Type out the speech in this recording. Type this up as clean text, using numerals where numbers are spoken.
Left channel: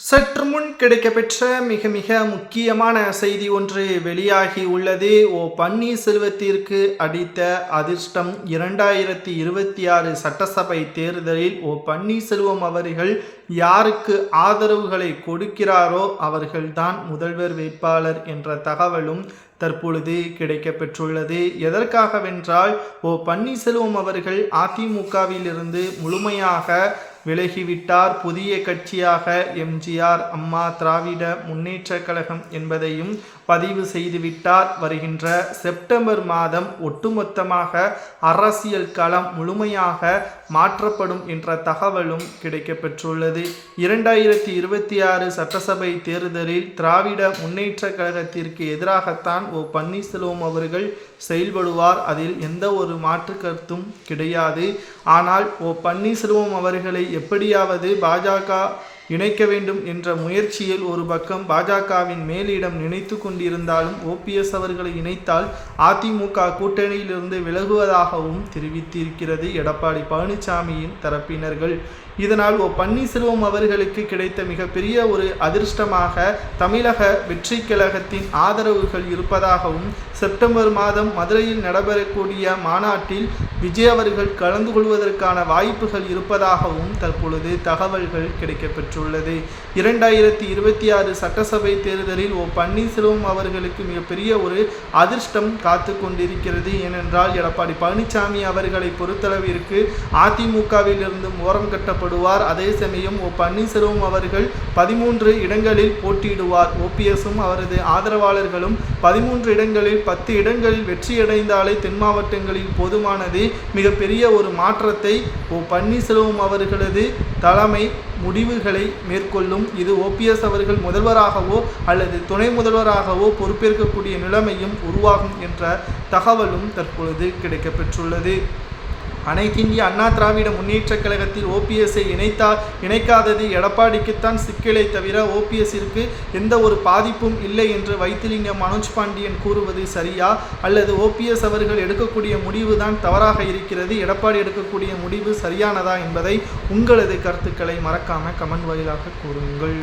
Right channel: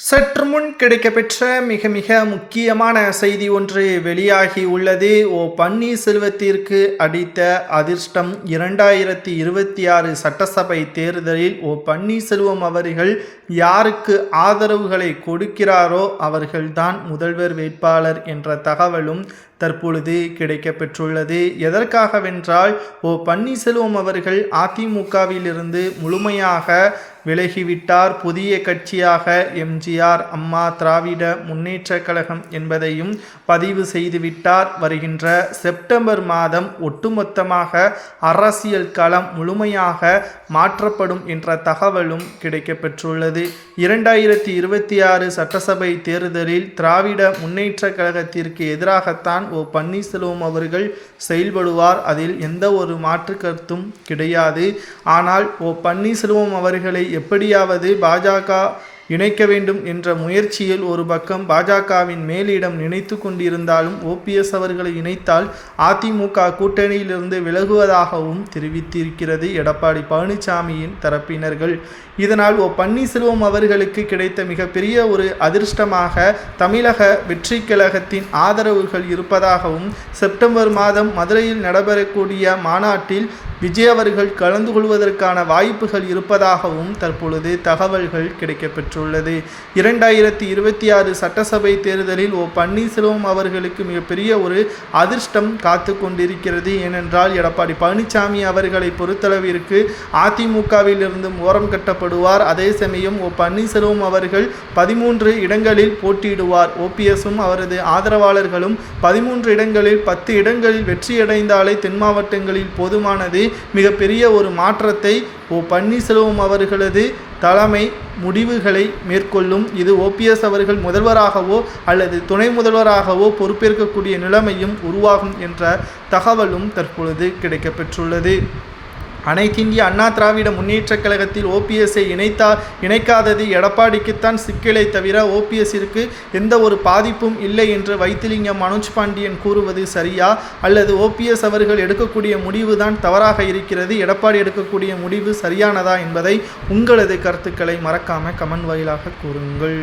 சற்று முன் கிடைக்கப்பெற்ற மிக மிக முக்கியமான செய்தி ஒன்று வெளியாகி உள்ளது. பன்னீர்செல்வத்திற்கு அடித்த அதிர்ஷ்டம் 2026 சட்டசபை தேர்தலில் பன்னீர்செல்வம் அவர்கள் யாருக்கு ஆதரவுகளை கொடுக்கிறாரோ அவர்கள்தான் முதல்வர் வேட்பாளர் என்ற தகவலும் தற்பொழுது கிடைக்கப்பெற்றுள்ளது. எதற்காகவென்றால் பன்னீர்செல்வம் அவர்கள் அதிமுகவிலிருந்து முழுமையாக விலகிவிட்டார். புதிய கட்சியாக எம்ஜிஆர் அம்மா திராவிட முன்னேற்ற கழகம் என்பதையும் பதிவு செய்துவிட்டார். வருகின்ற செப்டம்பர் மாதம் ஒட்டுமொத்தமாக அரசியல் களம் முழுமையாக மாற்றப்படும் என்ற தகவலும் கிடைக்கப்பெற்றுள்ளது. 2026 சட்டசபை தேர்தலில் திராவிட முன்னேற்ற கழகத்திற்கு எதிராகத்தான் பன்னீர்செல்வம் அவர்கள் செயல்படுவார். அதில் எந்த ஒரு மாற்று கருத்தும் கிடையாது. ஆனால் பன்னீர்செல்வம் அவர்களை எப்படியாவது பாஜக இணைக்க வேண்டும் என்ற முயற்சியில் ஒரு பக்கம் பாஜகவின் மேலிடம் நினைத்து கொண்டிருந்தாலும் ஓபிஎஸ் அவர்களை இணைத்தால் அதிமுக கூட்டணியிலிருந்து விலகுவதாகவும் தெரிவித்திருக்கிறது எடப்பாடி பழனிசாமியின் தரப்பினர்கள். இதனால் பன்னீர்செல்வம் அவர்களுக்கு கிடைத்த மிகப்பெரிய ஒரு அதிர்ஷ்டமாக தமிழக வெற்றி கழகத்தின் ஆதரவுகள் இருப்பதாகவும் செப்டம்பர் மாதம் மதுரையில் நடைபெறக்கூடிய மாநாட்டில் விஜய் அவர்கள் கலந்து கொள்வதற்கான வாய்ப்புகள் இருப்பதாகவும் தற்பொழுது தகவல்கள் கிடைக்கப்பெற்றுள்ளது. 2026 சட்டசபை தேர்தலில் பன்னீர்செல்வம் அவர்களுக்கு மிகப்பெரிய ஒரு அதிர்ஷ்டம் காத்து கொண்டிருக்கிறது. ஏனென்றால் எடப்பாடி பழனிசாமி அவர்களை பொறுத்தளவிற்கு அதிமுகவில் இருந்து ஓரம் கட்டப்படுவார். அதே சமயம் பன்னீர்செல்வம் அவர்கள் 13 இடங்களில் போட்டியிடுவார். ஓபிஎஸும் அவரது ஆதரவாளர்களும் 13 இடங்களில் 10 இடங்களில் வெற்றியடைந்தாலே தென் மாவட்டங்களில் போதுமானது. மிகப்பெரிய ஒரு மாற்றத்தை பன்னீர்செல்வம் அவர்களது தலைமை முடிவுகளை மேற்கொள்ளும். இது ஓபிஎஸ் அவர்கள் முதல்வராகவோ அல்லது துணை முதல்வராகவோ பொறுப்பேற்கக்கூடிய நிலைமையும் உருவாகும் என்ற தகவலும் தற்பொழுது கிடைக்கப்பெற்றுள்ளது. அனைத்து இந்திய அண்ணா திராவிட முன்னேற்ற கழகத்தில் ஓபிஎஸ்ஐ இணைக்காதது எடப்பாடிக்குத்தான் சிக்கலை தவிர ஓபிஎஸ்ஸிற்கு எந்த ஒரு பாதிப்பும் இல்லை என்று வைத்திலிங்கம் மனோஜ் பாண்டியன் கூறுவது சரியா, அல்லது ஓபிஎஸ் அவர்கள் எடுக்கக்கூடிய முடிவு தான் தவறாக இருக்கிறது, எடப்பாடி எடுக்கக்கூடிய முடிவு சரியானதா என்பதை உங்களது கருத்துக்களை மறக்காம கமெண்ட் வாயிலாக கூறுங்கள்.